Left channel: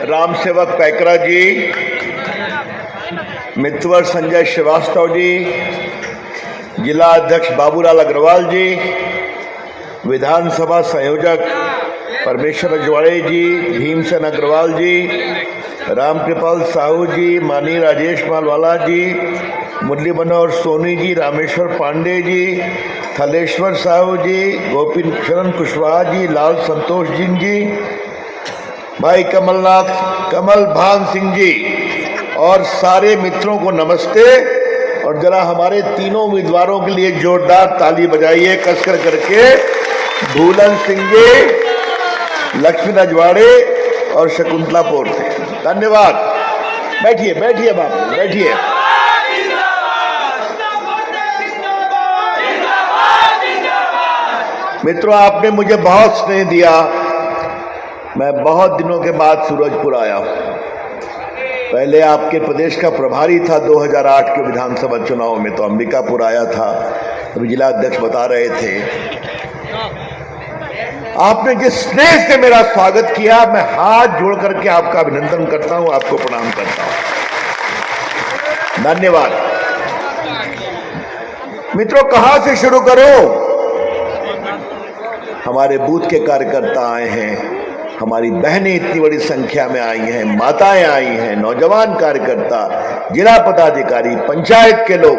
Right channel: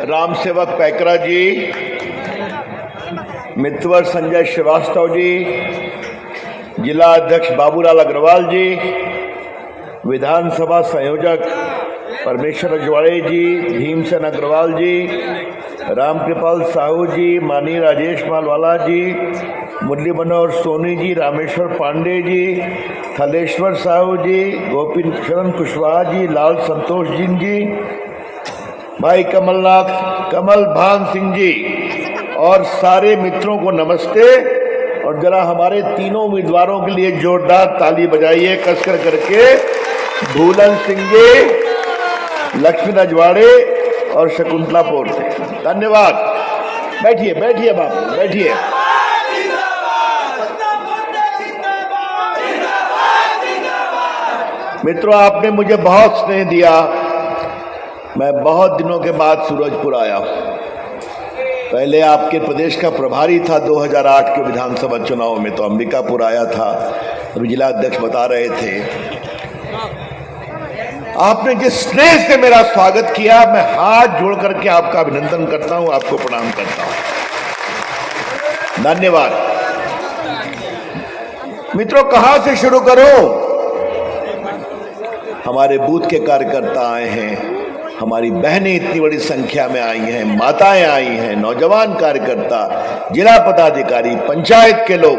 राम सेवक पैकरा जी, मितवर संजय श्रीवास्तव जी, जिला अध्यक्ष बाबूलाल अग्रवाल जी, विधानसभा संयोजक परमेश्वर अजवाड़े जी, भीमसेन अग्रवाल जी, रामकृपाल साहू जी, मानी राजेश मालवाला जी, मुरली मनोहर सोनी जी, रामेश्वर पांडे जी, थलेश्वर साहू जी, गोपी शरण कुशवाहा जी, लाल संतोष जी, भाई कमल भान सिंह जी और सारे मित्रों को नमस्ते। और जरा हमारे तीनों उम्मीदवारों के लिए जोरदार ताली बजाइए कसकर करके। भूलन सिंह जी, लक्ष्मी अजवाड़े और शकुंतला पोर्ते, धन्यवाद। बैठिए बैठिए बाबू बैठिए। मित्रों, आपने मुझे बहुत स्नेह दिया। मैं बहुत दिनों के बाद सूरजपुर आया। पहले आपके प्रदेश का प्रभारी था 2008 के विधानसभा चुनाव में, तो अंबिकापुर आया था, तो जिला अध्यक्ष बता रहे थे। आपने जिस स्नेह से मेरा स्वागत किया, मैं हाथ जोड़ करके आपका अभिनंदन करता हूं, आपको प्रणाम करता हूं। धन्यवाद। मित्रों, कहां से शुरू करूं? हमारे बूथ के कार्यकर्ता आए हैं, हमारी बहनें इतनी बड़ी संख्या में आई हैं, माताएं आई हैं, नौजवान कार्यकर्ता, जिला पदाधिकारी, पंचायत के लोग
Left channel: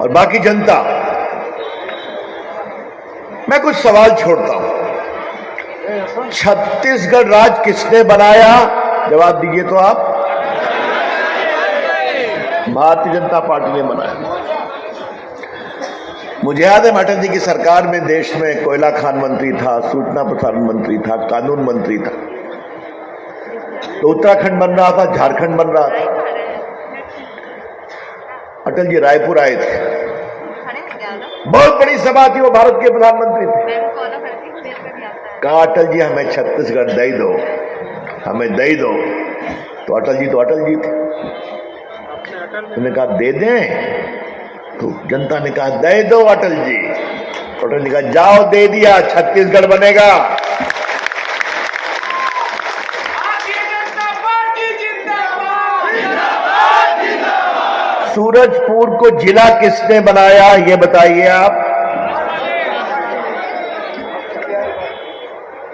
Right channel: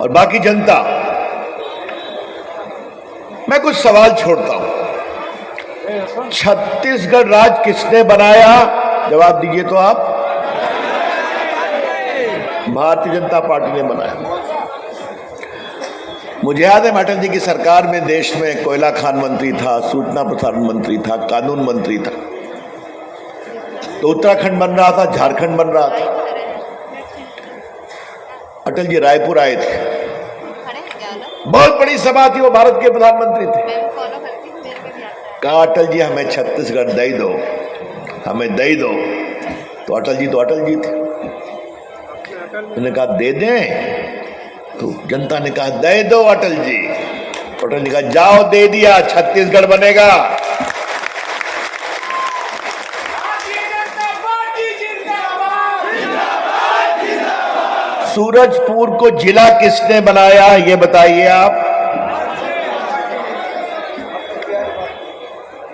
और बाकी जनता। मैं कुछ सवाल छोड़ता हूं। छत्तीसगढ़ राज्य किसने बनाया? जवाब दीजिए तो आप। भारतीय जनता पार्टी ने बनाया। मुझे याद है अटल जी की सरकार में देश में कोयला खान मंत्री था, सूचना प्रसारण मंत्री था, कानून मंत्री था। तो उत्तराखंड बन रहा था, झारखंड बन रहा था। अटल जी रायपुर आए थे, बहुत बड़ी सभा थी, वो भारत के प्रधानमंत्री थे। कहा अटल जी हमें छत्तीसगढ़ दे दो, हमें दे दो। तो अटल जी थे। उन्होंने कहा दे दें? तो जनता ने कहा दे दो अटल जी। अटल जी कहा जाओ, दे दिया, छत्तीसगढ़ बनेगा। सूरजपुर को जिला किसने बनाया, ये बताइए आप।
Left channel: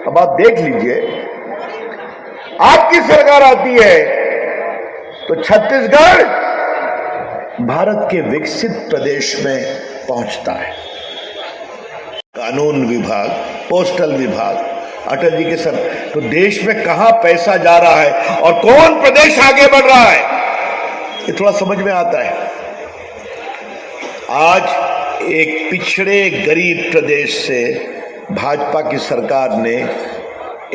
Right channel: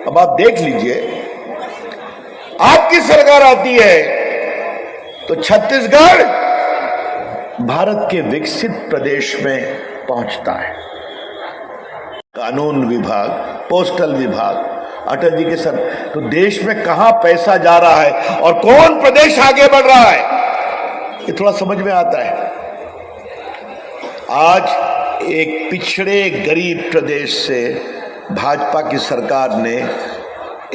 अब आप देख लीजिए, आपकी सरकार आती है तो छत्तीसगढ़ भारत के विकसित प्रदेश में पहुंचता है। कानून विभाग, पोस्टल विभाग, अटल जी के सर। तो देश में कहां पैसा जा रहा है और कौन प्रदेश आगे बढ़ रहा है, ये थोड़ा समझ में आता है। आज एक पिछड़े गरीब प्रदेश से भाजपा की सरकार ने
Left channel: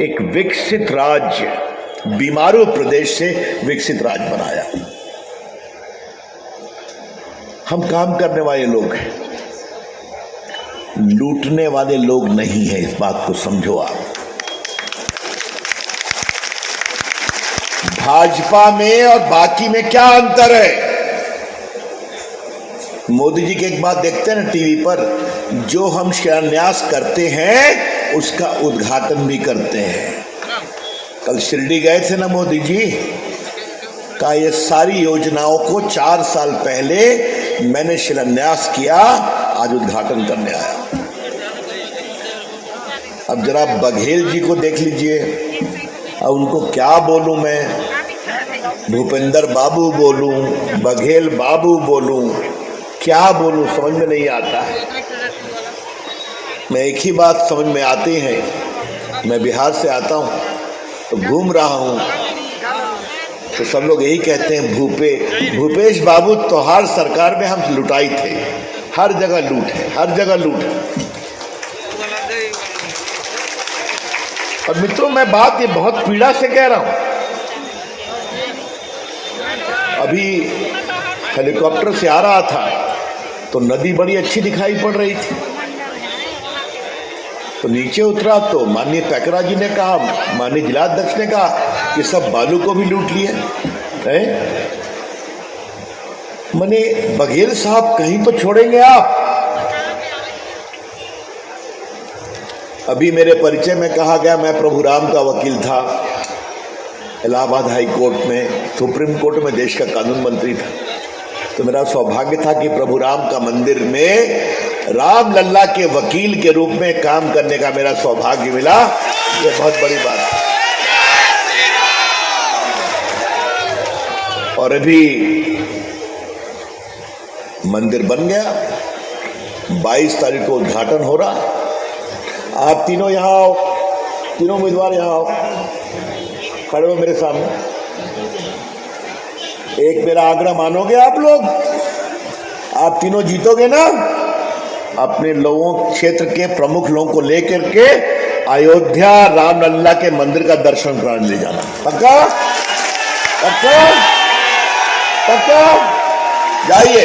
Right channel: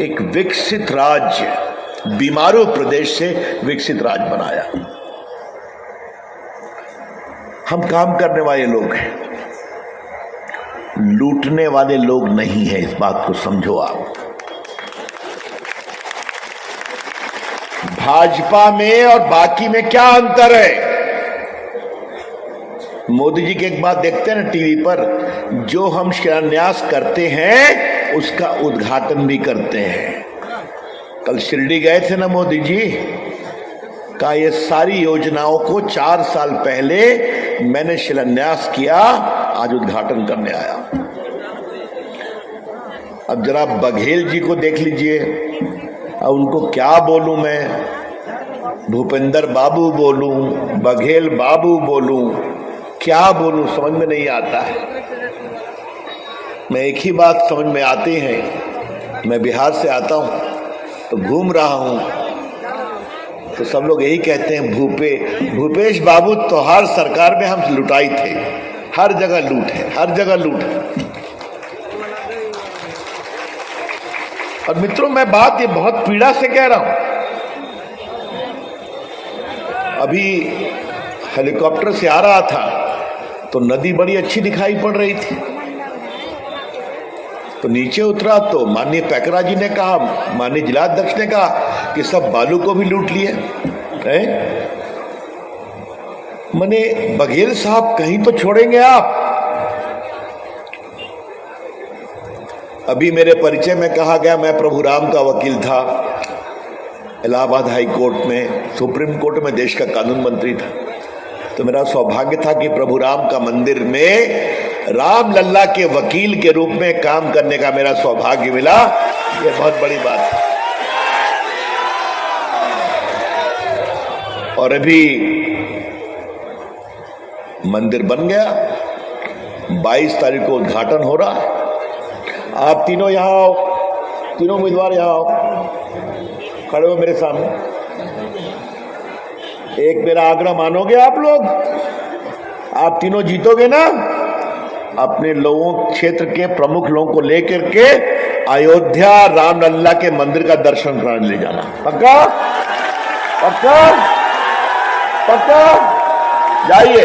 एक विकसित राज्य, बीमारू प्रदेश से विकसित राज्य बनाया। हम काम करने वाले लोग हैं, लूटने वाले लोग नहीं हैं, इस बात को समझो आप। भाजपा में और बाकी में क्या अंतर है? मोदी जी की एक बात देखते हैं ना टीवी पर, जो हम शिलान्यास करते हैं उसका उद्घाटन भी करते हैं। कल शिरडी गए थे ना मोदी जी, का ये सारी योजनाओं को 4 साल पहले मैंने शिलान्यास किया, आज उद्घाटन करने आया। अब जरा बघेल जी को देख लीजिए, अब उनको क्या बोलूं मैं, भूपेंद्र बाबू बोलूं, बघेल बाबू बोलूं, क्या बोलूं, समझ में नहीं आता है। मैं एक ही बात समझ में आती है, मैं बिहार से आता हूं तो घूम रहा हूं, तो सब लोग यही कहते हैं भूपेश बाबू तोहार सरकार में हम लुटाई थे। हर जगह लूट है, हर जगह लूट है। और मित्रों, मैं बात ये बहुत पीड़ा से कह रहा हूं। अभी हेलीकॉप्टर से आ रहा था तो नदी बड़ी अच्छी दिखाई पड़ रही थी, तो नीचे उतरा तो माननीय पैकरा जी ने कहा, माननीय जिलाध्यक्ष ने कहा कि सब बालू को भी लूट लिए हैं। मैंने बघेल साहब कहीं तो छोड़ेंगे आप। अभी मेरे परिचय में कहा गया मैं प्रभु राम का वकील था, इलाहाबाद हाई कोर्ट में, सुप्रीम कोर्ट में देश का कानून मंत्री था। तो मेरा सौभाग्य था कि प्रभु राम का मंदिर में राम लल्ला के वकील के रूप में काम करने का मेरा सौभाग्य मिला। ये बहुत बड़ी बात है। और अभी मंदिर बन गया, 22 तारीख को उद्घाटन हो रहा। आप तीनों यहाँ आओ, तीनों उम्मीदवार यहाँ आओ, खड़े हो मेरे सामने। एक मेरा आग्रह मानोगे आप लोग? आप तीनों जीतोगे ना? अपने लोगों, क्षेत्र के प्रमुख लोगों को लेकर के अयोध्या राम लल्ला के मंदिर का दर्शन कराने ले जाना। पक्का? पक्का? पक्का? जाइए।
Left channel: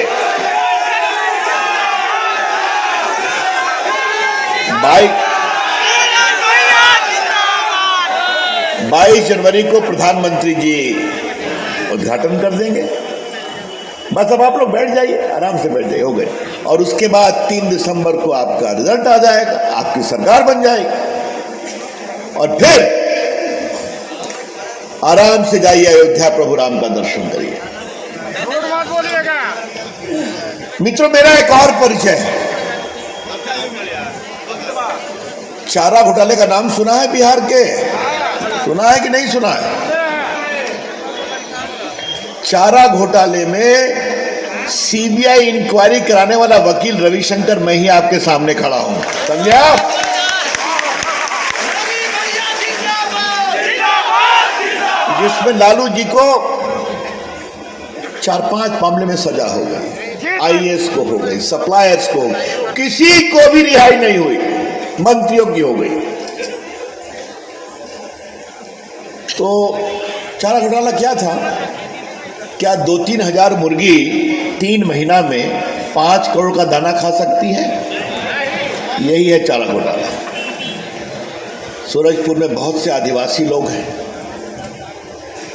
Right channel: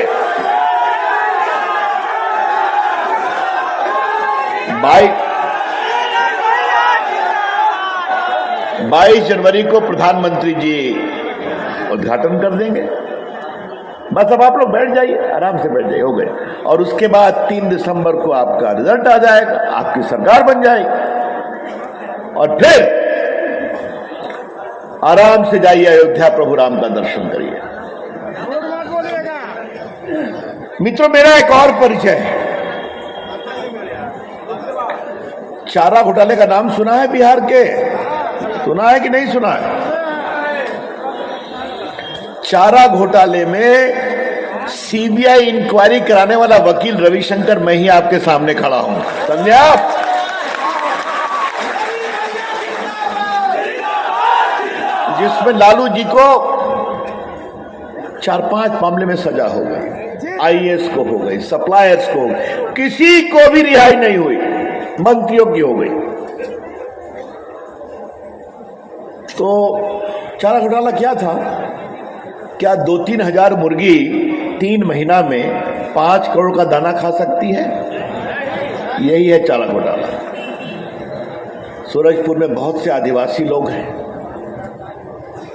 22 जनवरी को प्रधानमंत्री जी उद्घाटन कर देंगे। बस अब आप लोग बैठ जाइए, आराम से बैठ जाइए, हो गए। और उसके बाद 3 दिसंबर को आपका रिजल्ट आ जाएगा, आपकी सरकार बन जाएगी। और फिर आराम से जाइए अयोध्या, प्रभु राम का दर्शन करिए। मित्रों, मेरा एक और परिचय है। चारा घोटाले का नाम सुना है बिहार के? सुना है कि नहीं सुना है? चारा घोटाले में सीबीआई इंक्वायरी कराने वाला वकील रविशंकर मैं ही आपके सामने खड़ा हूं, समझे आप? जिसमें लालू जी को 4-5 मामले में सजा हो गई, आईएएस को हो गई, सप्लायर्स को, किसी को भी रिहाई नहीं हुई, मंत्रियों की हो गई। तो चारा घोटाला क्या था? क्या 2-3 हजार मुर्गी 3 महीना में 5 करोड़ का दाना खा सकती है? यही है चारा घोटाला। सूरजपुर में बहुत से आदिवासी लोग हैं।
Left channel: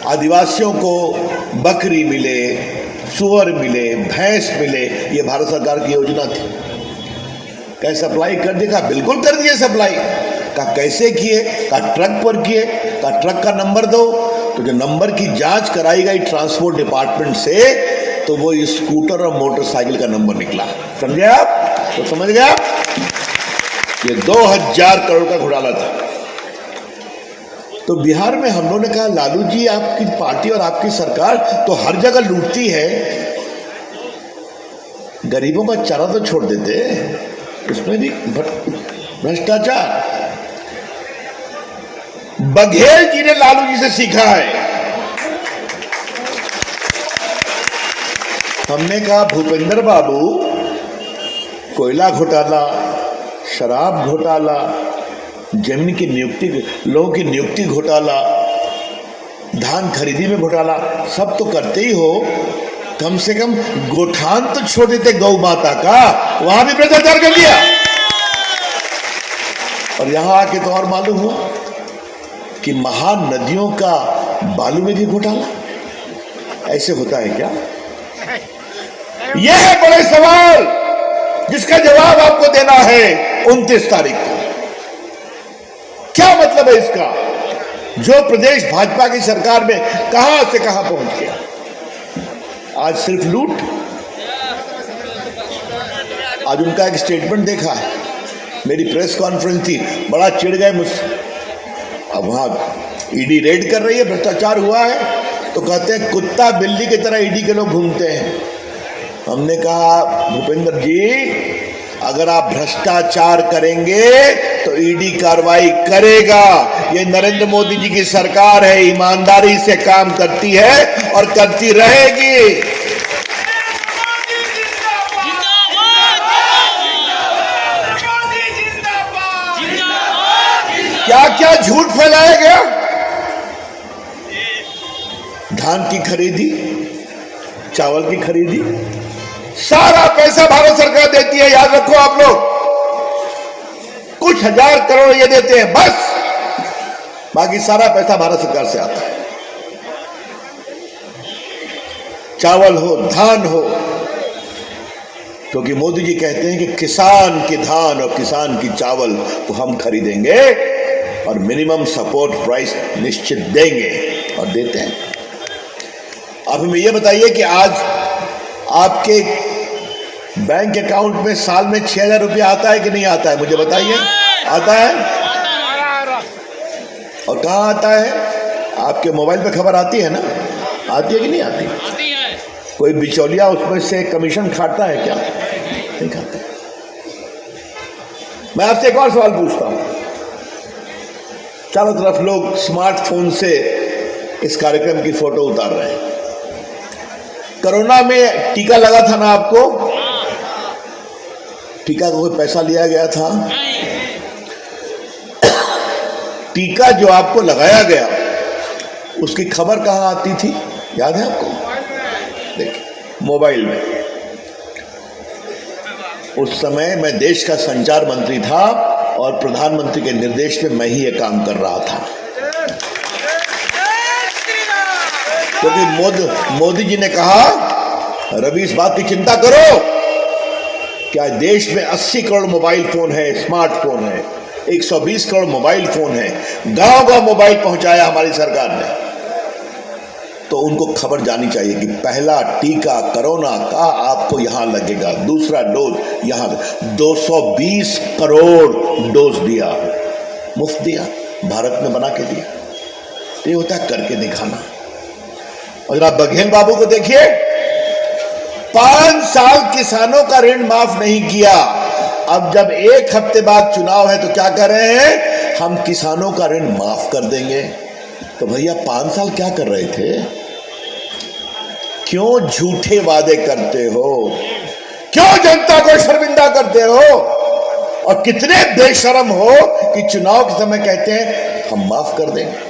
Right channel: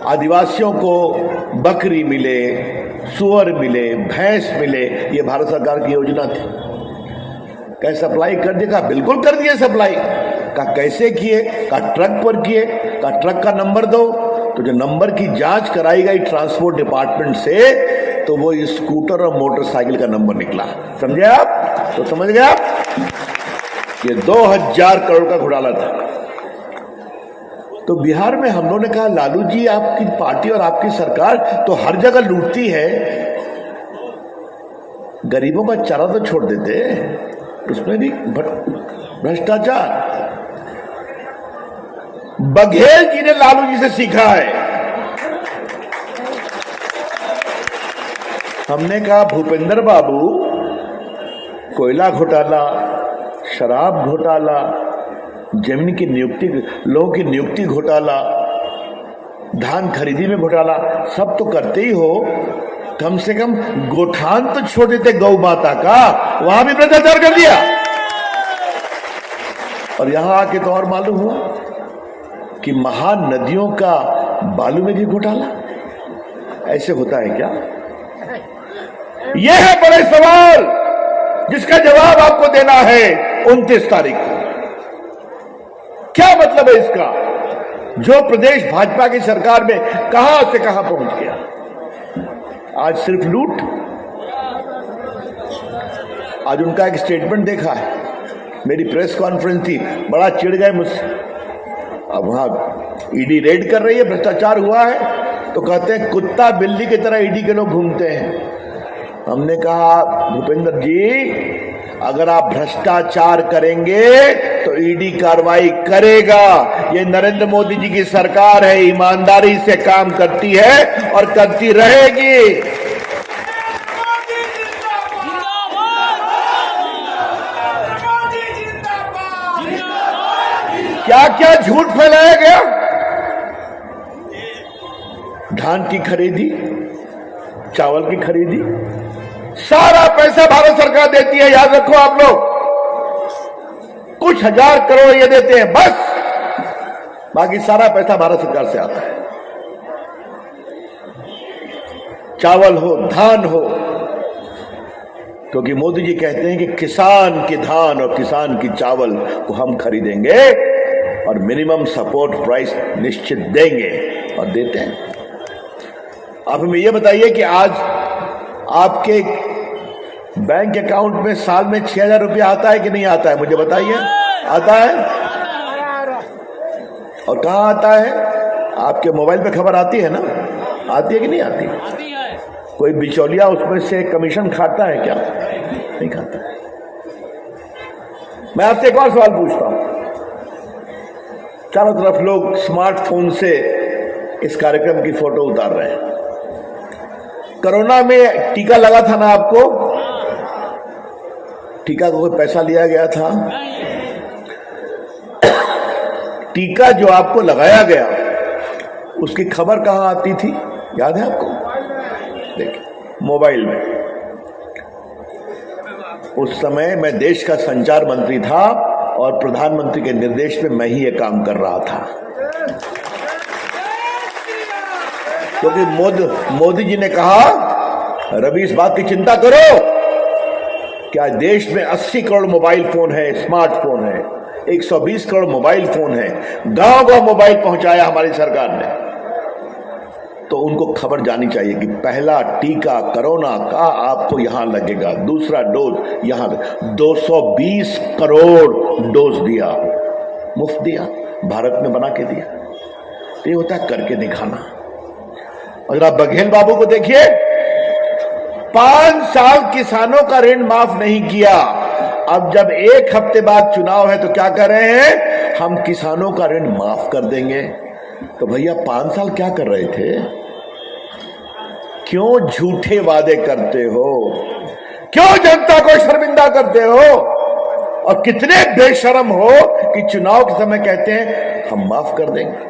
आदिवासियों को बकरी मिले, सुअर मिले, भैंस मिले, ये भारत सरकार की योजना थी। क्या सप्लाई कर दिया? बिल्कुल कर दिए सप्लाई। का कैसे किए? का ट्रक पर किए। का ट्रक का नंबर दो, तो जो नंबर की जांच कराई गई ट्रांसपोर्ट डिपार्टमेंट से, तो वो स्कूटर और मोटरसाइकिल का नंबर निकला। समझे आप? तो समझ गए आप? ये 2000 करोड़ का घोटाला था। तो बिहार में हम लोगों ने कहा, लालू जी आपकी पार्टी और आपकी सरकार तो हर जगह लूटती है, गरीबों का चारा तो छोड़ देते, उसमें भी भ्रष्टाचार। बघेल जी ने लालू जी से सीखा है। हमने कहा, भूपेंद्र बाबू, कोयला घोटाला, शराब घोटाला, जमीन की नियुक्ति, लोगों की नियुक्ति घोटाला, धान खरीदी में घोटाला, सब तो करते ही हो, कम से कम गोठान तो छोड़ देते गौ माता का, वहां भी भ्रष्टाचार कर लिया। और यहां आके तो और मालूम हुआ कि महान नदियों का बालू में भी घोटाला। ऐसे होता है क्या? यह है बड़े सवाल जिसका जवाब आपको देना है 29 तारीख को। क्या मतलब है इसका? जो प्रदेश भाजपा की सरकार में कहां से कहां पहुंच गया। आज सिर्फ लूट। आज उनका एक स्टेटमेंट देखा, मेरी प्रेस कॉन्फ्रेंस थी, बड़ा चिढ़ गए मुझसे। अब वहां ईडी रेड कर रही है, भ्रष्टाचार हुआ है, तो कहते हैं कुत्ता बिल्ली की तरह ईडी के लोग घूमते हैं। हमने कहा, भूपेंद्र जी, अगर आप भ्रष्टाचार करेंगे तो ईडी कार्रवाई करेगा। ये नरेंद्र मोदी जी की सरकार है, ईमानदारी से काम करती है और करती रहेगी। क्या क्या झूठ फैलाया गया। धान की खरीदी, चावल की खरीदी, सारा पैसा भारत सरकार देती है। याद रखो आप लोग, कुछ 1000 करोड़ ये देते हैं बस, बाकी सारा पैसा भारत सरकार से आता है। चावल हो, धान हो, क्योंकि मोदी जी कहते हैं कि किसान की धान और किसान की चावल को हम खरीदेंगे और मिनिमम सपोर्ट प्राइस निश्चित देंगे। और देते हैं। आप हमें ये बताइए कि आज आपके बैंक अकाउंट में साल में 6,000 रुपया आता है कि नहीं आता है? मुझे बताइए। आता है? और कहाँ आता है? आपके मोबाइल पे खबर आती है ना? आती है कि नहीं आती? आती है। कोई बिचौलिया उसमें से कमीशन खाता है क्या? नहीं खाता। मैं आपसे एक और सवाल पूछता हूं। चारों तरफ लोग स्मार्टफोन से इस कार्यक्रम की फोटो उतार रहे हैं। कोरोना में टीका लगा था ना आपको? टीका को कोई पैसा लिया गया था? टीका जो आपको लगाया गया उसकी खबर कहां आती थी, याद है आपको? देखिए, मोबाइल में। उस समय मैं देश का संचार मंत्री था और प्रधानमंत्री के निर्देश पे मैं ही ये काम कर रहा था, क्योंकि मोदी जी ने कहा, रवि इस बात की चिंता करो, क्या देश में 80 करोड़ मोबाइल फोन है, स्मार्टफोन है, 120 करोड़ मोबाइल फोन है, गांव गांव मोबाइल पहुंचाया हमारी सरकार ने। तो उनको खबर जानी चाहिए कि पहला टीका कोरोना का आपको यहां लगेगा, दूसरा डोज यहां। 220 करोड़ डोज दिया, मुफ्त दिया, भारत में बना के दिया। ये होता है करके दिखाना। अगर आप बघेल बाबू को देखिए, 5 साल किसानों का ऋण माफ नहीं किया। अब जब 1 हफ्ते बाद चुनाव है तो क्या कर रहे हैं? हम किसानों का ऋण माफ कर देंगे। तो भैया 5 साल क्या कर रहे थे? क्यों झूठे वादे करते हो? क्यों जनता को शर्मिंदा करते हो? और कितने बेशर्म हो कि चुनाव के समय कहते हैं हम माफ कर देंगे।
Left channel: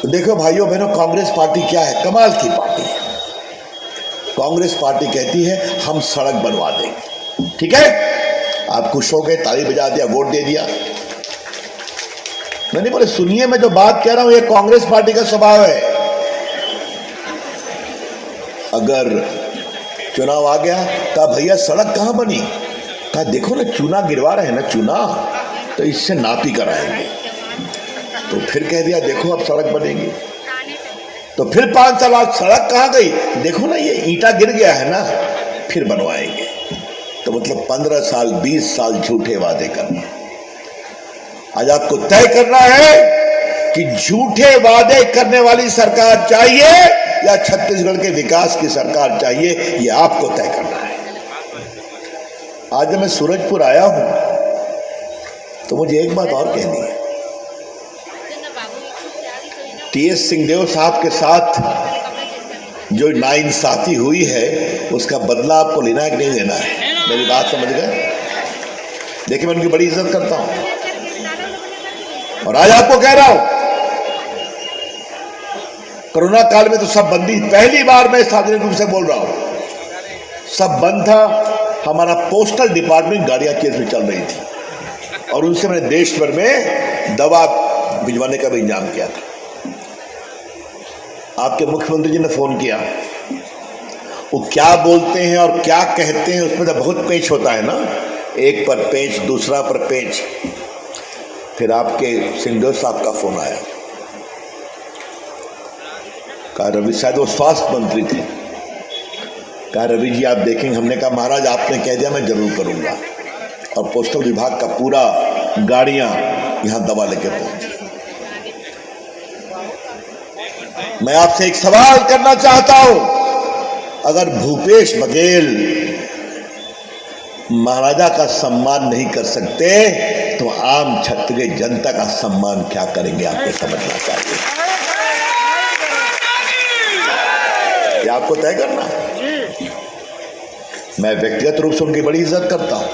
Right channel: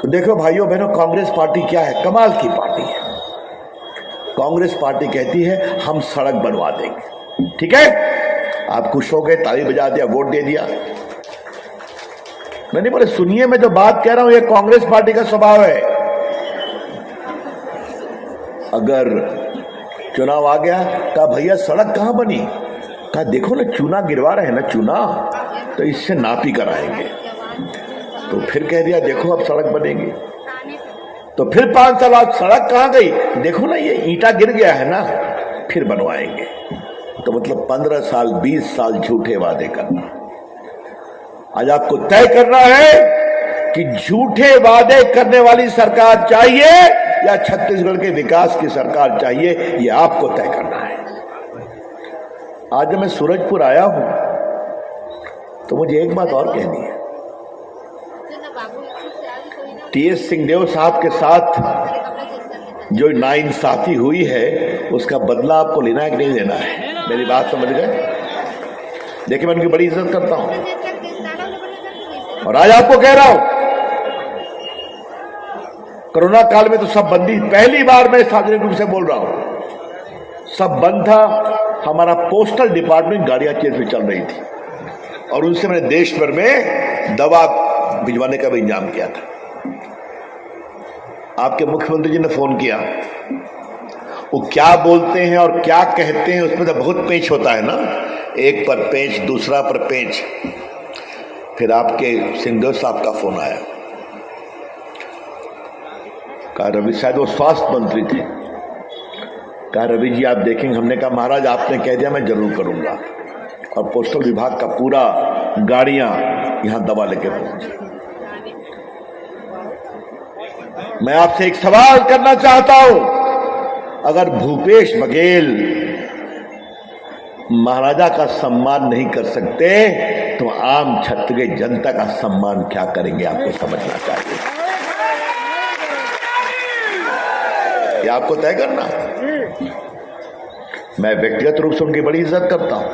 तो देखो भाइयों बहनों, कांग्रेस पार्टी क्या है? कमाल की पार्टी है। कांग्रेस पार्टी कहती है हम सड़क बनवा देंगे। ठीक है, आप खुश हो गए, ताली बजा दिया, वोट दे दिया। नहीं बोले, सुनिए, मैं जो बात कह रहा हूं ये कांग्रेस पार्टी का स्वभाव है। अगर चुनाव आ गया, कहा भैया सड़क कहां बनी? कहा देखो ना, चूना गिरवा रहे हैं ना, चूना, तो इससे नापी कराएंगे। तो फिर कह दिया देखो अब सड़क बनेगी। तो फिर 5 साल आज सड़क कहां गई? देखो ना ये ईंटा गिर गया है ना, फिर बनवाएंगे। तो मतलब 15 साल 20 साल झूठे वादे करना। आज आपको तय करना है कि झूठे वादे करने वाली सरकार चाहिए या छत्तीसगढ़ के विकास की सरकार चाहिए, ये आपको तय करना है। आज मैं सूरजपुर आया हूं तो मुझे एक बात और कहनी है। टीएस सिंहदेव साहब के साथ जो नाइंसाफी हुई है उसका बदला आपको लेना है कि नहीं लेना है? मेरी बात समझ गए? देखिए, मैं उनकी बड़ी इज्जत करता हूं और आज आपको कह रहा हूं, कोरोना काल में तो सब बंदी, पहली बार मैं सार्वजनिक रूप से बोल रहा हूं, सब बंद था। हमारा पोस्टल डिपार्टमेंट गाड़ियां केस में चल रही थी और उनसे मैंने देश भर में दवा भिजवाने का भी इंतजाम किया था। आपके मुख्यमंत्री जी ने फोन किया, वो क्या बोलते हैं और क्या कहते हैं उसमें तो बहुत पेच होता है ना, एक पर पेच, दूसरा पर पेच। फिर आपके सिंहदेव साहब का फोन आया, कहा रवि, शायद वो स्वास्थ्य मंत्री थे, कहा रवि जी आप देखेंगे। हमने कहा महाराज आपने कह दिया, मैं जरूर करूंगा। और पोस्टल विभाग का पूरा गाड़ियां यहां दवा लेके पहुंची। मैं आपसे एक सवाल करना चाहता हूं, अगर भूपेश बघेल महाराजा का सम्मान नहीं कर सकते तो आम छत्तीसगढ़ जनता का सम्मान क्या करेंगे? आपको समझना चाहिए, ये आपको तय करना। मैं व्यक्तिगत रूप से उनकी बड़ी इज्जत करता हूं,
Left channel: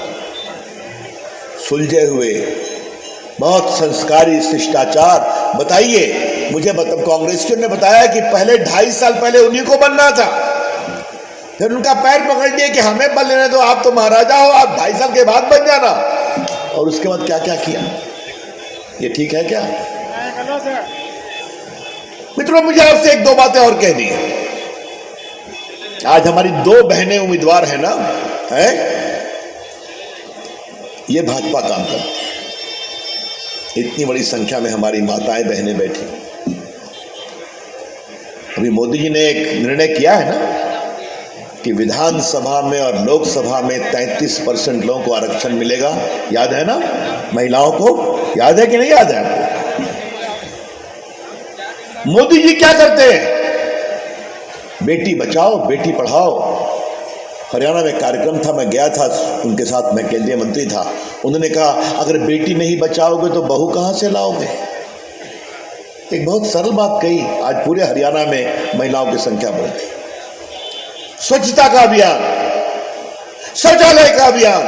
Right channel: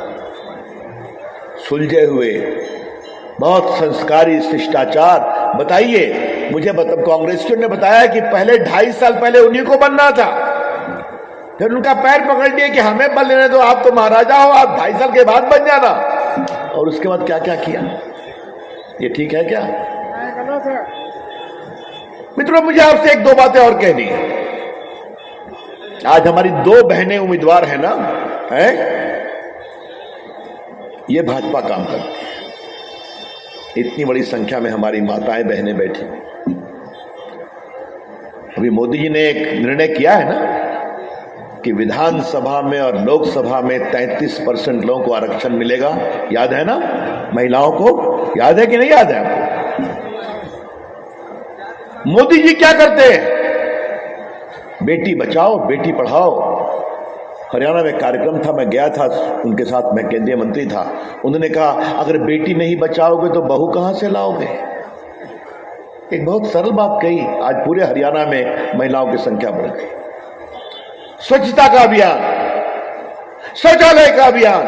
सुलझे हुए, बहुत संस्कारी, शिष्टाचार। बताइए मुझे, कांग्रेसियों ने बताया कि पहले 2.5 साल पहले उन्हीं को बनना था, फिर उनका पैर पकड़ लिया कि हमें बन लेने दो, आप तो महाराजा हो, आप 2.5 साल के बाद बन जाना। और उसके बाद क्या क्या किया? ये ठीक है क्या? मित्रों, मुझे आपसे 1-2 बातें और कहनी है। आज हमारी 2 बहनें उम्मीदवार है ना, है, ये भाजपा काम करती है। इतनी बड़ी संख्या में हमारी माताएं बहनें बैठी, अभी मोदी जी ने एक निर्णय किया है ना कि विधानसभा में और लोकसभा में 33% लोगों को आरक्षण मिलेगा। याद है ना? महिलाओं को याद है कि नहीं याद है? मोदी जी क्या करते हैं? बेटी बचाओ बेटी पढ़ाओ। हरियाणा में कार्यक्रम था, मैं गया था उनके साथ, मैं केंद्रीय मंत्री था। उन्होंने कहा अगर बेटी नहीं बचाओगे तो बहू कहां से लाओगे? एक बहुत सरल बात कही। आज पूरे हरियाणा में महिलाओं की संख्या बढ़ गई। स्वच्छता का अभियान, शौचालय का अभियान।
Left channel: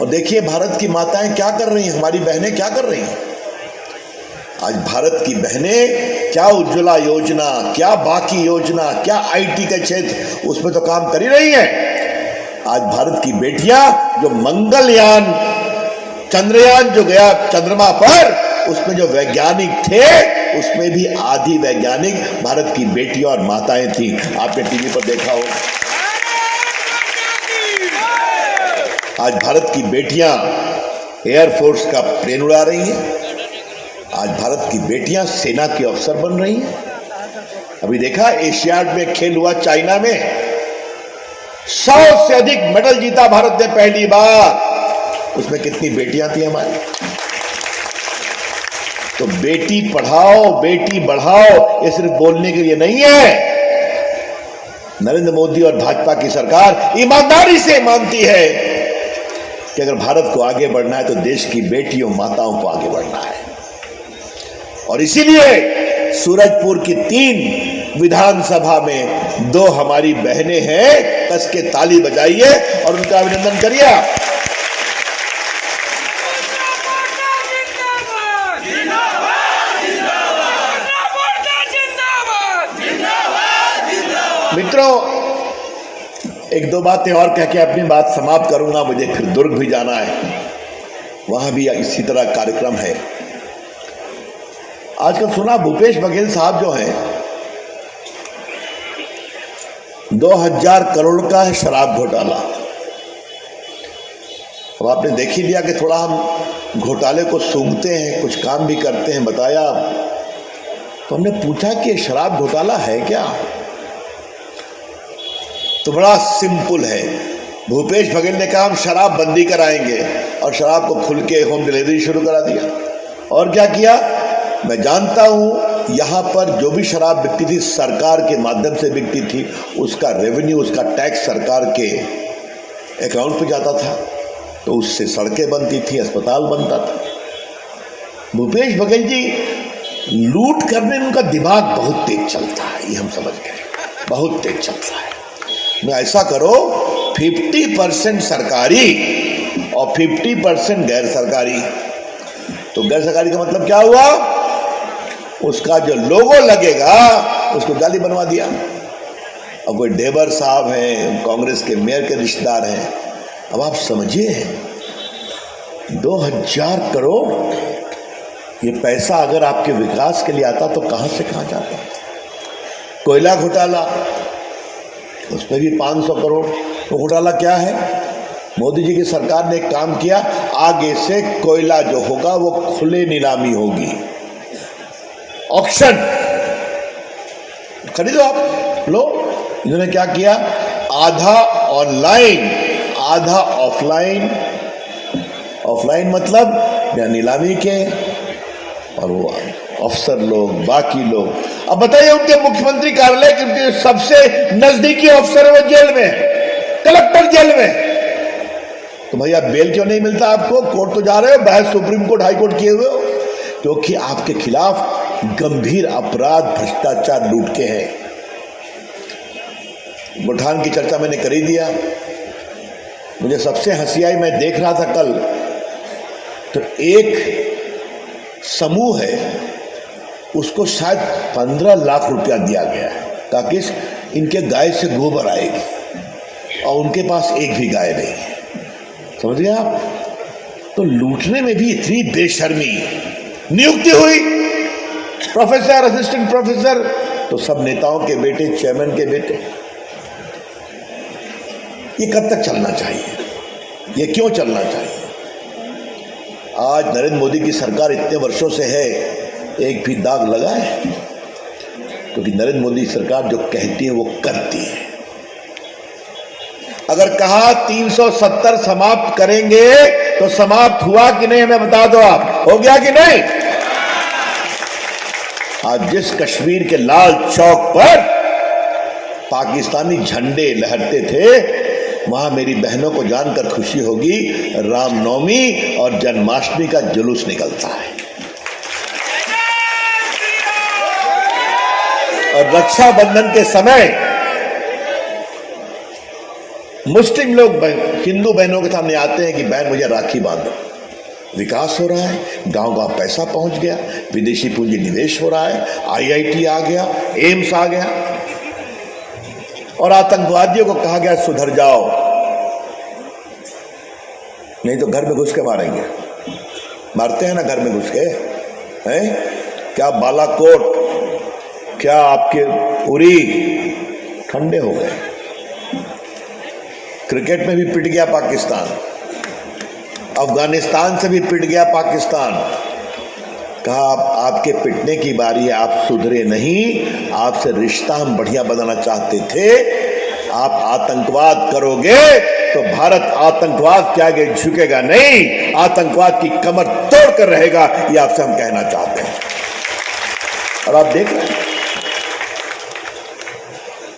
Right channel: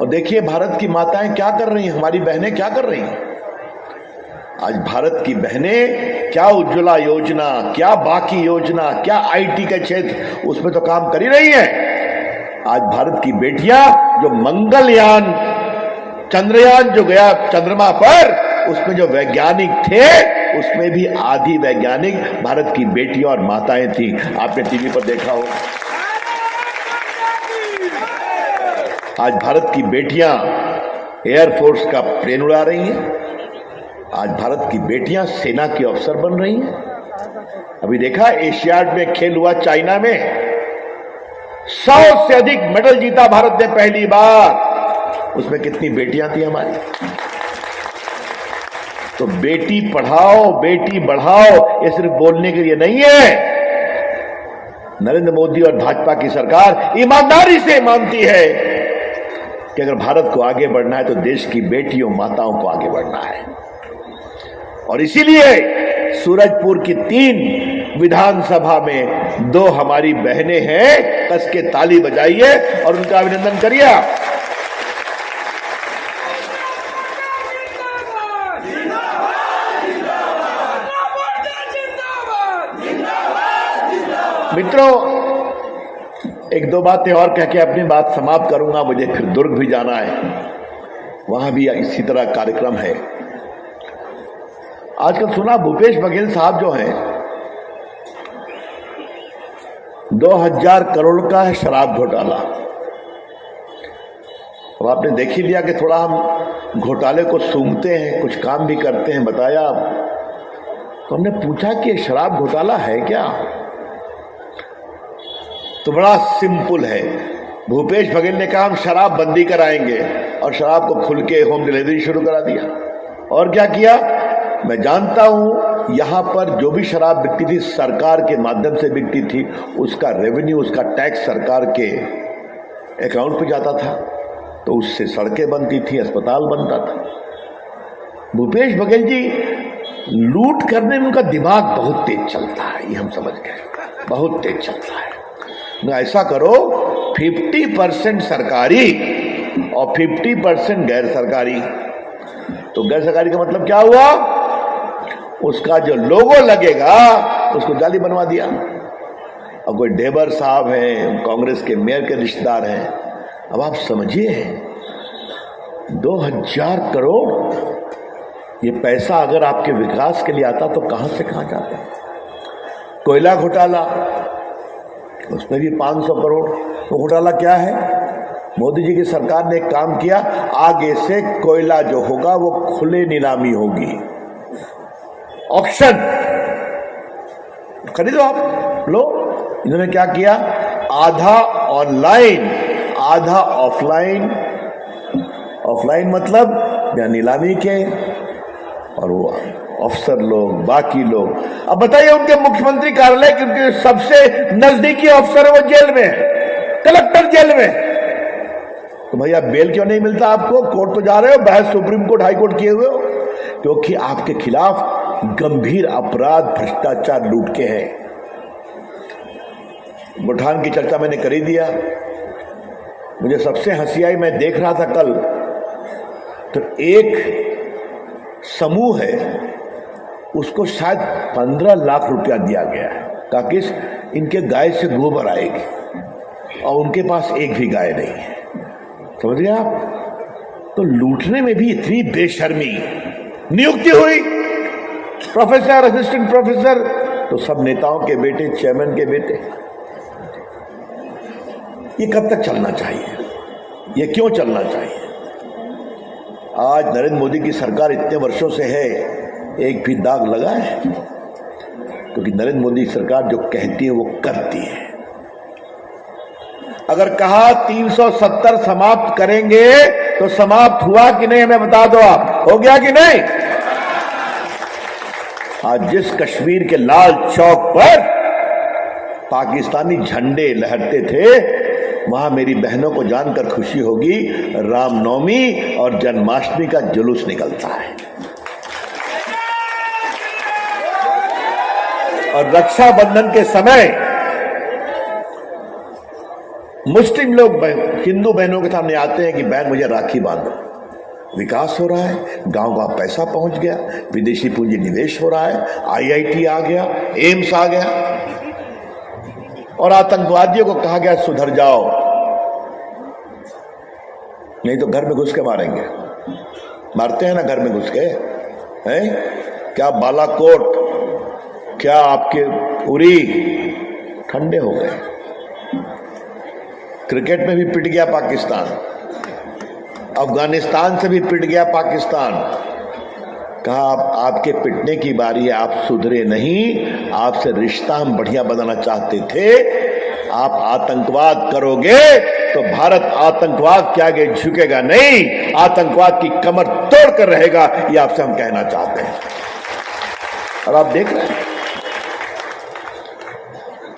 और देखिए भारत की माताएं क्या कर रही हैं, हमारी बहनें क्या कर रही हैं। आज भारत की बहनें क्या उज्ज्वला योजना, क्या बाकी योजना, क्या आईटी का क्षेत्र, उसमें तो काम कर ही रही है। आज भारत की बेटियां जो मंगलयान, चंद्रयान जो गया चंद्रमा पर, उसमें जो वैज्ञानिक थे उसमें भी आधी वैज्ञानिक भारत की बेटियां और माताएं थी। आपने टीवी पर देखा हो। आज भारत की बेटियां एयरफोर्स का प्लेन उड़ा रही हैं। आज भारत की बेटियां सेना की अफसर बन रही हैं। अभी देखा एशियाड में खेल हुआ चाइना में, 100 से अधिक मेडल जीता भारत ने पहली बार। उसमें कितनी बेटियां थी हमारी। तो बेटी पढ़ाओ बेटी बढ़ाओ ये सिर्फ बोलने के लिए नहीं है। नरेंद्र मोदी और भाजपा की सरकार ईमानदारी से मानती है कि अगर भारत को आगे बढ़ना है तो देश की बेटियों माताओं को आगे बढ़ना है। और इसीलिए सूरजपुर की 3 विधानसभा में 2 हमारी बहनें हैं। कस के ताली बजाइए और उनका अभिनंदन करिए। मित्रों, 1-2 बातें और कह के अपनी बात समाप्त करूंगा। मुझे फिर दुर्ग भी जाना है, वहां भी इसी तरह कार्यक्रम है। आजकल सुना भूपेश बघेल साहब जो हैं 2000 करोड़ का है शराब घोटाला। अब आपने देख ही लिया कि थोड़ा हम घोटाले को सूंघते हैं, कुछ काम भी करते हैं, बताया। तो हमने पूछा कि शराब घोटाला है क्या? तो बड़ा सिंपल है। भूपेश बघेल ने कहा हम शराब बंदी कराएंगे और शराब को खुल के होम डिलीवरी शुरू करा दिया। और क्या किया? मैं जानता हूं यहां पर जो भी शराब बिकती थी सरकार के माध्यम से बिकती थी, उसका रेवेन्यू, उसका टैक्स सरकार के अकाउंट पे जाता था। तो उससे सड़कें बनती थी, अस्पताल बनता था। भूपेश बघेल जी लूट करने में उनका दिमाग बहुत तेज चलता है, ये हम समझ गए, बहुत तेज चलता है। मैं ऐसा करो 50% सरकारी और 50% गैर सरकारी। तो गैर सरकारी का मतलब क्या हुआ? उसका जो लोगो लगेगा उसको जाली बनवा दिया। अब कोई डेबर साहब हैं, कांग्रेस के मेयर के रिश्तेदार हैं। अब आप समझिए 2000 करोड़ ये पैसा अगर आपके विकास के लिए आता तो कहां से कहां जाता। कोयला घोटाला, उसमें भी 500 करोड़। तो घोटाला क्या है? मोदी जी की सरकार ने एक काम किया, आगे से कोयला जो होगा वो खुले नीलामी होगी, ऑक्शन, खरीदो आप, लो। इन्होंने क्या किया? आधा ऑनलाइन आधा ऑफलाइन। ऑफलाइन मतलब बिना नीलामी के, और वो अफसर लोग, बाकी लोग। अब बताइए उनके मुख्यमंत्री कार्यालय के उनके सबसे नजदीकी अफसर है वो जेल में, कलेक्टर जेल में। तो भैया बेल क्यों नहीं मिलता आपको? कोर्ट तो जा रहे हो, बहस सुप्रीम कोर्ट, हाई कोर्ट किए हुए हो, क्योंकि आपके खिलाफ गंभीर अपराध, भ्रष्टाचार, लूट के हैं। बुरहान की चर्चा मैंने कर ही दिया। मुझे सबसे हंसी आई, मैं देख रहा था कल, तो एक समूह है उसको शायद 15 लाख रुपया दिया गया है ताकि इनके गाय से गोबर आएगी, और उनके पास एक भी गाय नहीं है। समझिए आप, तो लूटने में भी इतनी बेशर्मी। नियुक्ति हुई प्रोफेसर, असिस्टेंट प्रोफेसर, तो सब नेताओं के बेटे, चेयरमैन के बेटे। ये कब तक चलना चाहिए? ये क्यों चलना चाहिए? आज नरेंद्र मोदी की सरकार इतने वर्षों से है, एक भी दाग लगा है? क्योंकि नरेंद्र मोदी सरकार जो कहती है वो करती है। अगर कहा 370 समाप्त करेंगे तो समाप्त हुआ कि नहीं, हमें बता दो आप, हो गया कि नहीं? आज जिस कश्मीर के लाल चौक पर पाकिस्तानी झंडे लहरते थे, वहां मेरी बहनों को जानकर खुशी होगी, रामनवमी और जन्माष्टमी का जुलूस निकलता है। और रक्षाबंधन के समय मुस्लिम लोग हिंदू बहनों के सामने आते हैं कि बहन मुझे राखी बांधो। विकास हो रहा है, गांव-गांव पैसा पहुंच गया, विदेशी पूंजी निवेश हो रहा है, IIT आ गया, एम्स आ गया, और आतंकवादियों को कहा गया सुधर जाओ, नहीं तो घर में घुस के मारेंगे। मारते हैं ना घर में घुस के, हैं? क्या बालाकोट, क्या आपके उरी ठंडे हो गए। क्रिकेट में भी पिट गया पाकिस्तान, अफगानिस्तान से भी पिट गया पाकिस्तान। कहा आपके पिटने की बारी है, आप सुधरे नहीं, आपसे रिश्ता हम बढ़िया बनाना चाहते थे। आप आतंकवाद करोगे तो भारत आतंकवाद के आगे झुकेगा नहीं, आतंकवाद की कमर तोड़ कर रहेगा, ये आपसे हम कहना चाहते हैं। और आप देख रहे हैं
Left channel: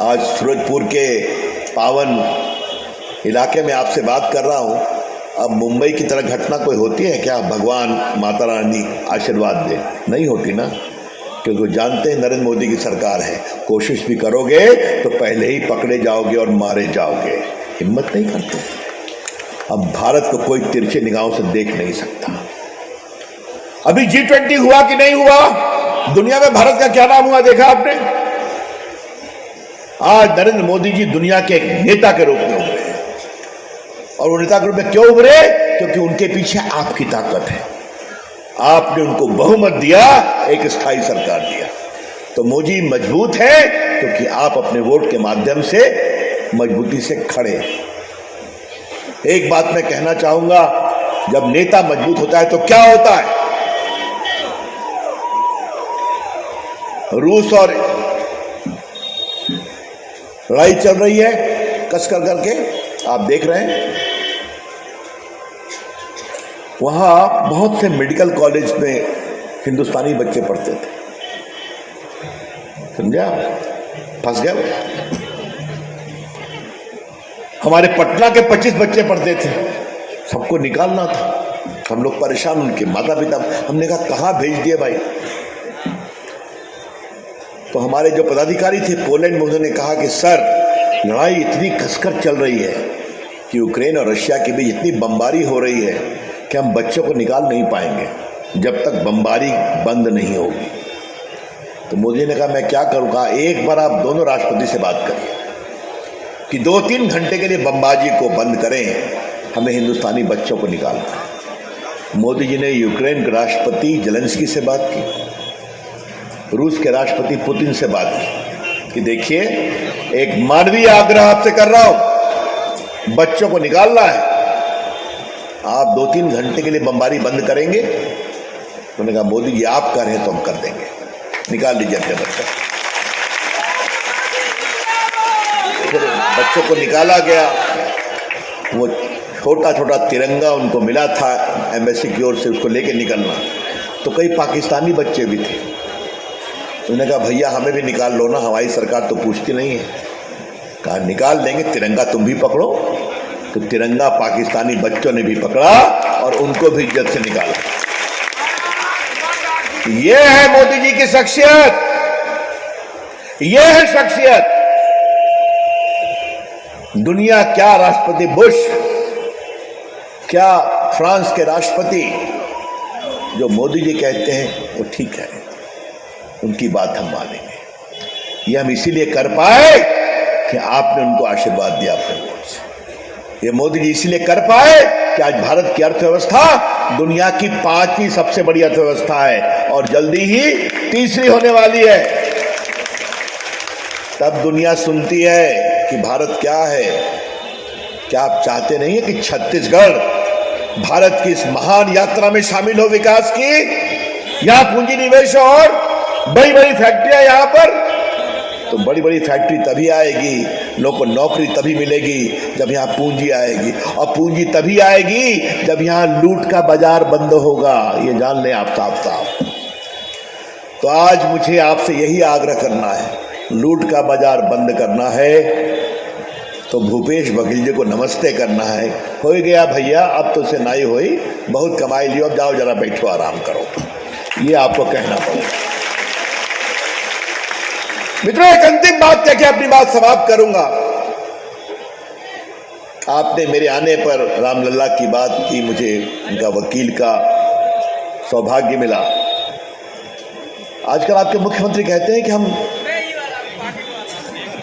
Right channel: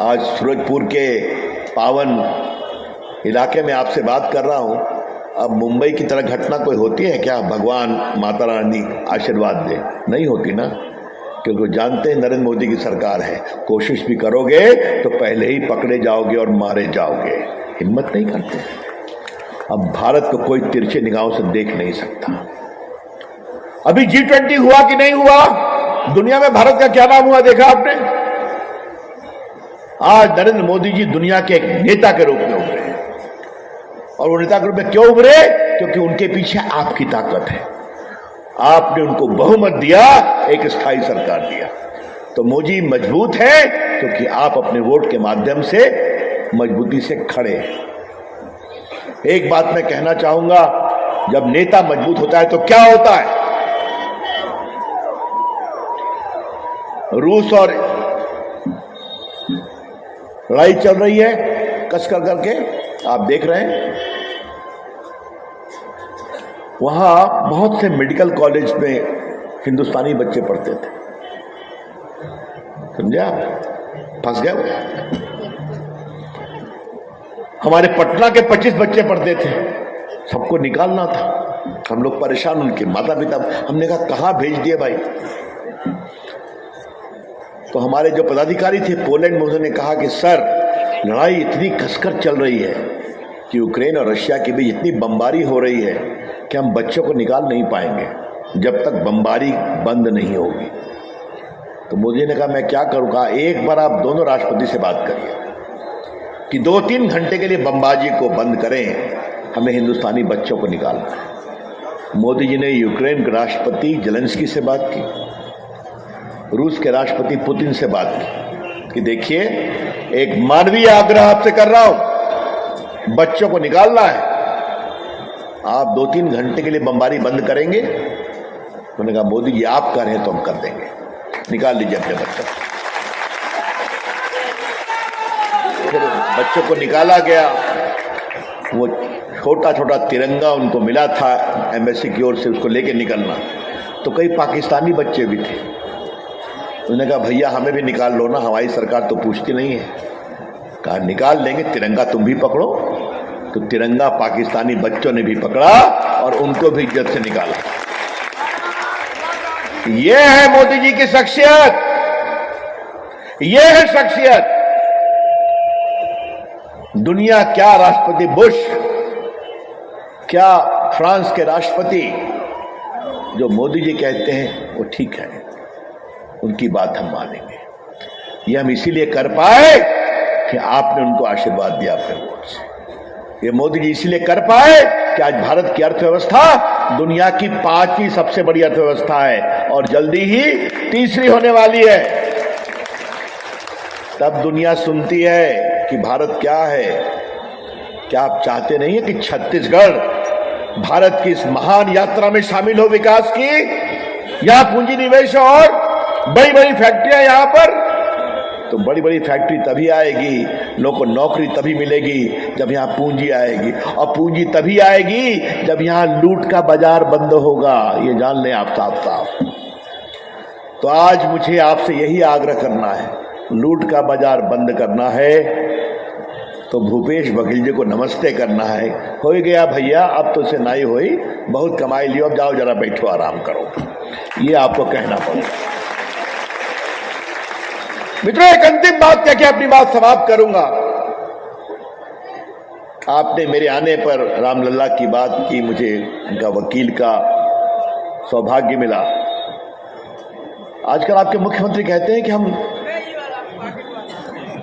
आज फिरोजपुर के पावन इलाके में आपसे बात कर रहा हूं। अब मुंबई की तरह घटना कोई होती है क्या? भगवान माता रानी आशीर्वाद दे, नहीं होती ना, क्योंकि जानते हैं नरेंद्र मोदी की सरकार है, कोशिश भी करोगे तो पहले ही पकड़े जाओगे और मारे जाओगे, हिम्मत नहीं करते। अब भारत को कोई तिरछे निगाहों से देख नहीं सकता। अभी G20 हुआ कि नहीं हुआ? दुनिया में भारत का क्या नाम हुआ देखा आपने? आज नरेंद्र मोदी जी दुनिया के एक नेता के रूप में उभरे, और वो नेता के रूप में क्यों उभरे? क्योंकि उनके पीछे आपकी ताकत है, आपने उनको बहुमत दिया, एक स्थायी सरकार दिया। तो मोदी मजबूत है क्योंकि आप अपने वोट के माध्यम से मजबूती से खड़े। एक बात मैं कहना चाहूंगा, जब नेता मजबूत होता है तो क्या होता है? रूस और लड़ाई चल रही है कसकर करके, आप देख रहे हैं। वहां बहुत से मेडिकल कॉलेज में हिंदुस्तानी बच्चे पढ़ते थे, समझा? फंस गए। हमारे पटना के 25 बच्चे पढ़ते थे, सबको निकालना था। हम लोग परेशान, उनके माता पिता, हमने कहा कहां भेज दिए भाई? तो हमारे जो पदाधिकारी थे पोलैंड में, उन्होंने कहा कि सर लड़ाई इतनी कसकर चल रही है कि यूक्रेन और रशिया के बीच इतनी बमबारी हो रही है कि हम बच्चों को निकाल नहीं पाएंगे जब तक बमबारी बंद नहीं होगी। तो मोदी ने कहा मैं क्या करूँ? कहा एक बार आप दोनों राष्ट्रपति से बात करें कि 2-3 घंटे के लिए बमबाजी को बंद करें, हमें हिंदुस्तानी बच्चों को निकालना। मोदी जी ने यूक्रेन के राष्ट्रपति जेलेंस्की से बात की, रूस के राष्ट्रपति पुतिन से बात की कि देखिए एक मानवीय आग्रह आपसे कर रहा हूं, बच्चों को निकालना है, आप 2-3 घंटे के लिए बमबारी बंद करेंगे? उन्होंने कहा मोदी जी आप कह रहे हैं तो हम कर देंगे, निकाल लीजिए अपने बच्चे। बच्चों को निकाला गया, वो छोटा छोटा तिरंगा उनको मिला था एम्बेसी की ओर से, उसको लेके निकलना। तो कई पाकिस्तानी बच्चे भी थे, उन्होंने कहा भैया हमें भी निकाल लो ना, हमारी सरकार तो पूछती नहीं है। कहा निकाल लेंगे, तिरंगा तुम भी पकड़ो। तो तिरंगा पाकिस्तानी बच्चों ने भी पकड़ा और उनको भी इज्जत से निकाला। ये है मोदी जी की शख्सियत, ये है शख्सियत। दुनिया क्या राष्ट्रपति बुश, क्या फ्रांस के राष्ट्रपति, जो मोदी जी कहते हैं वो ठीक है, उनकी बात हम मानेंगे। ये हम इसीलिए कर पाए कि आपने उनको आशीर्वाद दिया अपने वोट से। ये मोदी जी इसलिए कर पाए कि आज भारत की अर्थव्यवस्था दुनिया की 5वीं सबसे बड़ी अर्थव्यवस्था है और जल्दी ही 3री होने वाली है। तब दुनिया सुनती है कि भारत क्या है। क्या आप चाहते नहीं है कि छत्तीसगढ़ भारत की इस महान यात्रा में शामिल हो विकास की? यहां पूंजी निवेश और बड़ी बड़ी फैक्ट्रियां यहां पर, तो बड़ी बड़ी फैक्ट्री तभी आएगी, लोगों को नौकरी तभी मिलेगी जब यहां पूंजी आएगी, और पूंजी तभी आएगी जब यहां लूट का बाजार बंद होगा। ये जान लें आप साफ साफ। तो आज मुझे आपसे यही आग्रह करना है, लूट का बाजार बंद करना है तो भूपेश बघेल जी को नमस्ते करना है। हो गया भैया, अब तो से नहीं हुई, बहुत कमाई लियो, अब जाओ जरा बैठो आराम करो, ये आपको कहना पड़ेगा। मित्रों, एक अंतिम बात कह के अपनी बात समाप्त करूंगा। आपने मेरे आने पर रामलला की बात की, मुझे उनका वकील का सौभाग्य मिला। आजकल आपके मुख्यमंत्री कहते हैं कि हम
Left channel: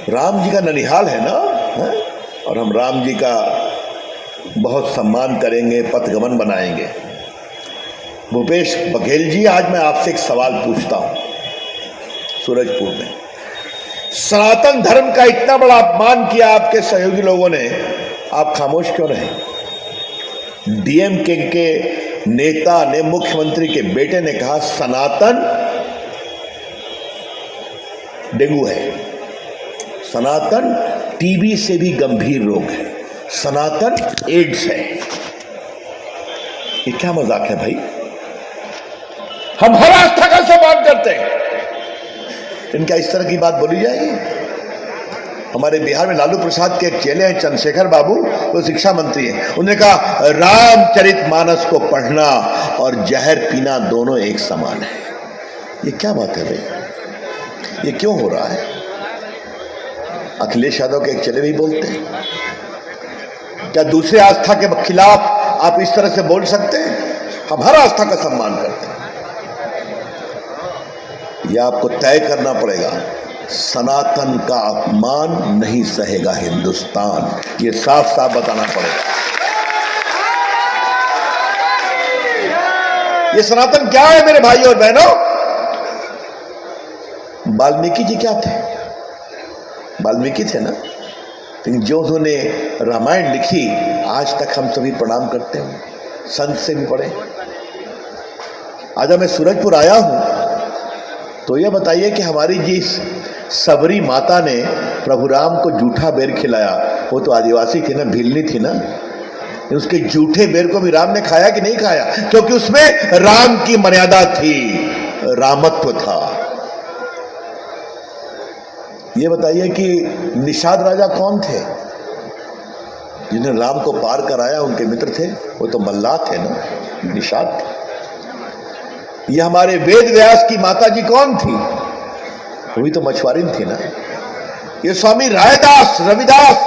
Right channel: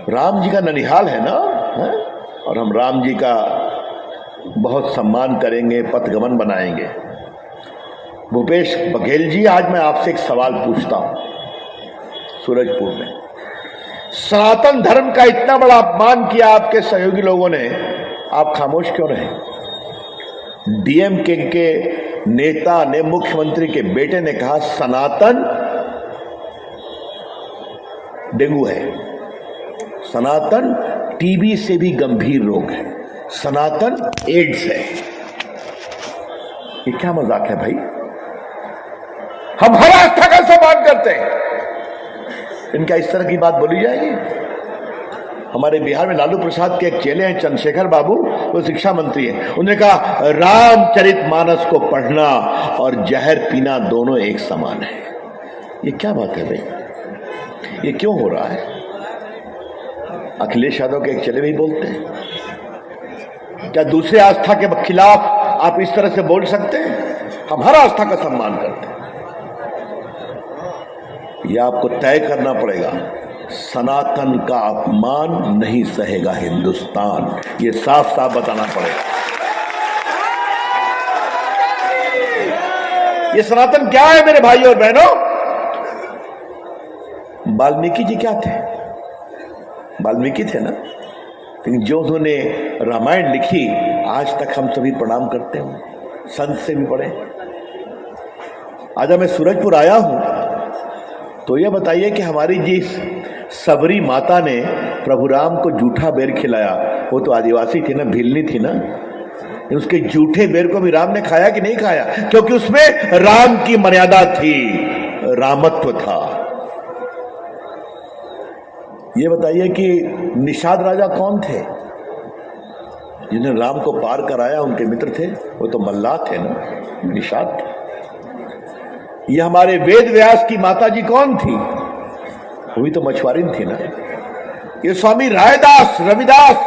राम जी का ननिहाल है ना, है? और हम राम जी का बहुत सम्मान करेंगे, पथगमन बनाएंगे। भूपेश बघेल जी, आज मैं आपसे एक सवाल पूछता हूं। सूरजपुर में सनातन धर्म का इतना बड़ा अपमान किया आपके सहयोगी लोगों ने, आप खामोश क्यों रहे? डीएमके के नेता ने, मुख्यमंत्री के बेटे ने कहा सनातन डेंगू है, सनातन टीबी से भी गंभीर रोग है, सनातन एड्स है। ये क्या मजाक है भाई? हम हर आस्था का सम्मान करते हैं, इनका इस तरह की बात बोली जाएगी? हमारे बिहार में लालू प्रसाद के एक चेले हैं चंद्रशेखर बाबू, वो शिक्षा मंत्री हैं, उन्होंने कहा रामचरितमानस को पढ़ना और जहर पीना दोनों एक समान है। ये क्या बात है भाई? ये क्यों हो रहा है? अखिलेश यादव के एक चेले भी बोलते हैं। क्या दूसरे आस्था के खिलाफ आप इस तरह से बोल सकते हैं? हम हर आस्था का सम्मान करते हैं। यह आपको तय करना पड़ेगा, सनातन का अपमान नहीं सहेगा हिंदुस्तान, ये साफ साफ बताना पड़ेगा। ये सनातन क्या है मेरे भाई और बहनों? वाल्मीकि जी क्या थे? वाल्मीकि थे ना, लेकिन जो उन्होंने रामायण लिखी आज तक हम सभी प्रणाम करते हैं, संत से भी पढ़े। आज मैं सूरजपुर आया हूं तो यह बताइए कि हमारी जिस सबरी माता ने प्रभु राम को जूठा बेर खिलाया, वो तो आदिवासी थी ना, भिलनी थी ना, उसके जूठे बेर को भी राम ने खाया कि नहीं खाया? क्योंकि उसमें राम की मर्यादा थी, रामत्व था। ये बताइए कि निषाद राजा कौन थे जिन्हें राम को पार कराया? उनके मित्र थे, वो तो मल्लाह थे ना, निषाद थे। ये हमारे वेद व्यास की माता जी कौन थी? वो भी तो मछुआरी थी ना। ये स्वामी रायदास रविदास,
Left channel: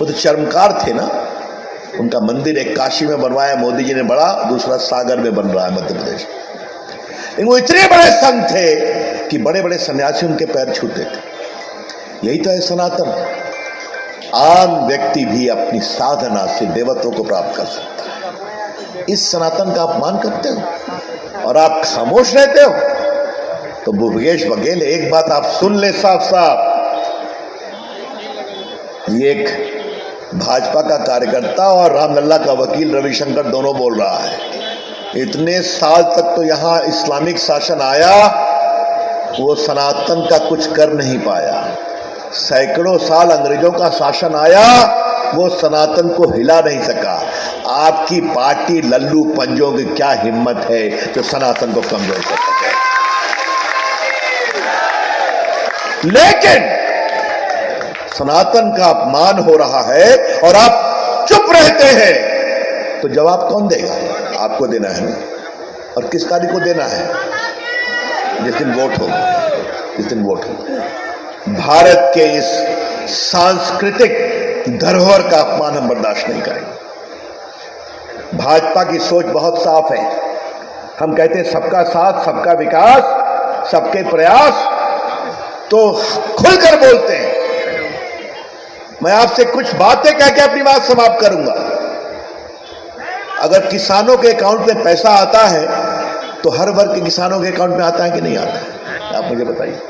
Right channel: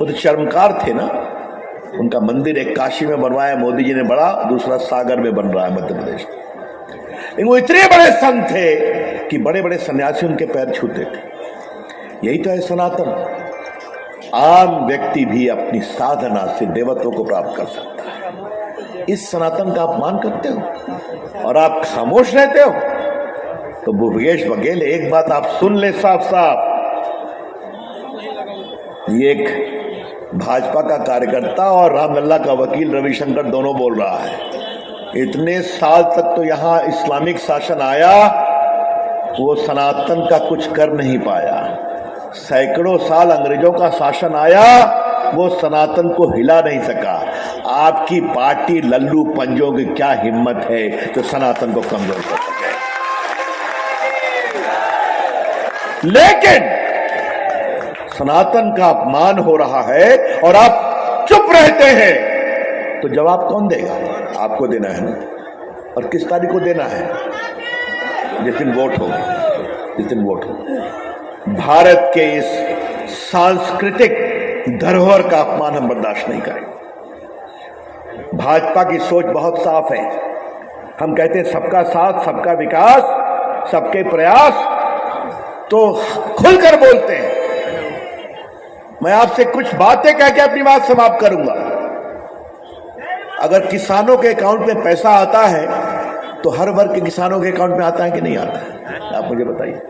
वो तो चर्मकार थे ना। उनका मंदिर एक काशी में बनवाया मोदी जी ने बड़ा, दूसरा सागर में बन रहा है मध्य प्रदेश। लेकिन वो इतने बड़े संत थे कि बड़े बड़े सन्यासी उनके पैर छूते थे। यही तो है सनातन। आम व्यक्ति भी अपनी साधना से देवत्व को प्राप्त कर सकता है। इस सनातन का अपमान करते हो और आप खामोश रहते हो। तो भूपेश बघेल, एक बात आप सुन ले साफ साफ, ये एक भाजपा का कार्यकर्ता और रामलला का वकील रविशंकर दोनों बोल रहा है। इतने साल तक तो यहां इस्लामिक शासन आया, वो सनातन का कुछ कर नहीं पाया। सैकड़ों साल अंग्रेजों का शासन आया, वो सनातन को हिला नहीं सका। आपकी पार्टी लल्लू पंजों की क्या हिम्मत है जो सनातन को कमजोर कर सके? लेकिन सनातन का अपमान हो रहा है और आप चुप रहते हैं, तो जवाब कौन देगा? आपको देना है ना। और किस तारीख को देना है? जिस दिन वोट हो, जिस दिन वोट हो। भारत के इस सांस्कृतिक धरोहर का अपमान हम बर्दाश्त नहीं करेंगे। भाजपा की सोच बहुत साफ है। हम कहते हैं सबका साथ, सबका विकास, सबके प्रयास, तो खुलकर बोलते हैं। मैं आपसे कुछ बातें कह के अपनी बात समाप्त करूंगा। अगर किसानों के अकाउंट में पैसा आता है तो हर वर्ग के किसानों के अकाउंट में आता है कि नहीं आता है? आप मुझे बताइए।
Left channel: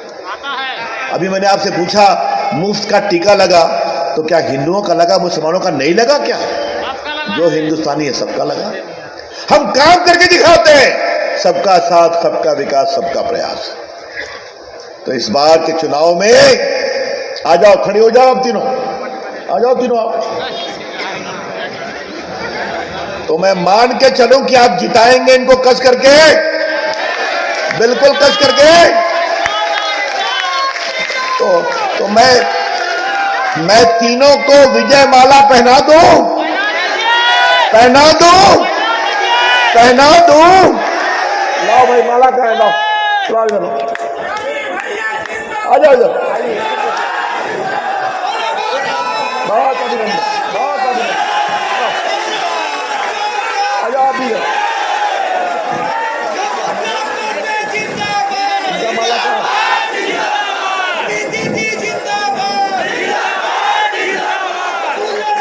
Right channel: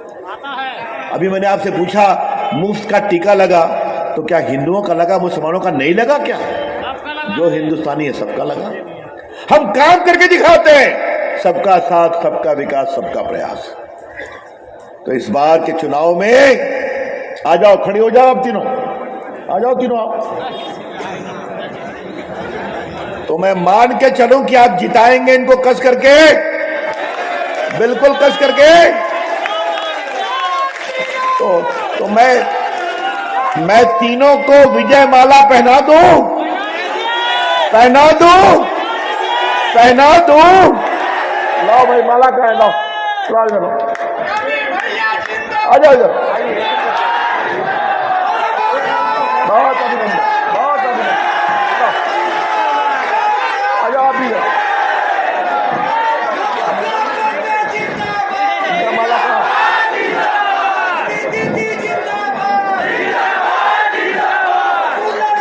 अभी मैंने आपसे पूछा मुफ्त का टीका लगा, तो क्या हिंदुओं का लगा, मुसलमानों का नहीं लगा? क्या जो हिंदुस्तानी है सबका लगा। हम काम करके दिखाते हैं। सबका साथ, सबका विकास, सबका प्रयास। तो इस बार के चुनाव में आ जाओ, खड़ी हो जाओ, अब तीनों आ जाओ, तीनों आओ। तो मैं मान के चलूं कि आप जिताएंगे इनको कस करके, बिल्कुल कस करके। तो मैं तीनों को विजय माला पहना दूं, पहना दूं, पहना दूं। लाओ भाई माला का है, लाओ, सवाल करो, आ जाओ इधर। बहुत अभिनंदन, बहुत अभिनंदन, आ जाओ आप भी। माला का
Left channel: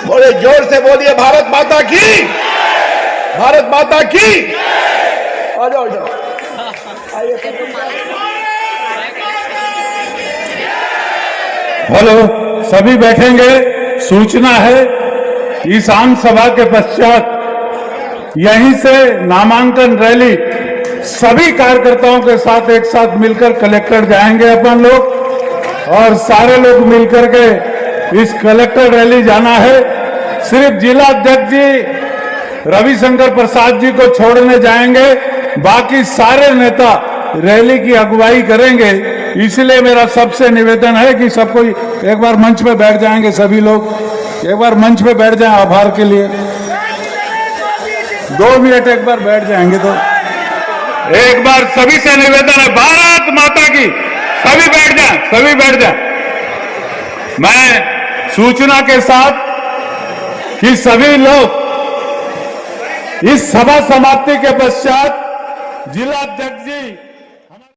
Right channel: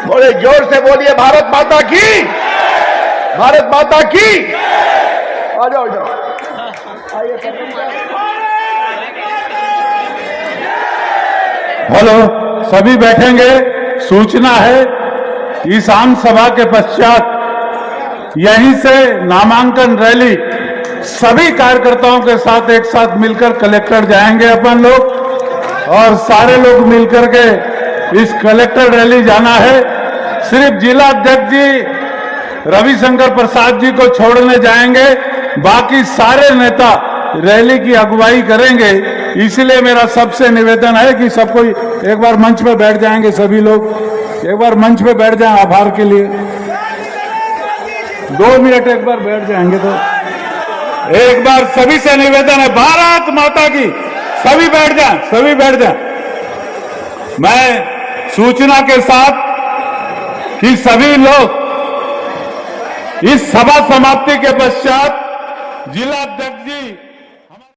बोले, जोर से बोलिए, भारत माता की, भारत माता की। आ जाओ, जाओ, आइए। हेलो, सभी बैठेंगे। सूचना है, इस आम सभा के पश्चात यहीं से नामांकन रैली सभी कार्यकर्ताओं के साथ एक साथ मिलकर कलेक्टर जाएंगे अपन लोग, और सारे लोग मिलकर के इस कलेक्टर रैली जाना है। सिर्फ जिला अध्यक्ष जी रविशंकर प्रसाद जी को छोड़ने जाएंगे, बाकी सारे नेता रैली की अगुवाई करेंगे। इसलिए मेरा सबसे निवेदन है कि सबको एक बार मंच पे बैठ जाएंगे, सभी लोग एक बार मंच पे बैठ जाएं। आभार के लिए 2 मिनट एक बार बैठ जाएंगे। तो एक बार सभी से निवेदन है, भारत माता की, सभी बैठ जाएं, सभी बैठ जाएं। मैं सूचना के साथ कि सभी लोग इस सभा समाप्ति के पश्चात जिला अध्यक्ष जी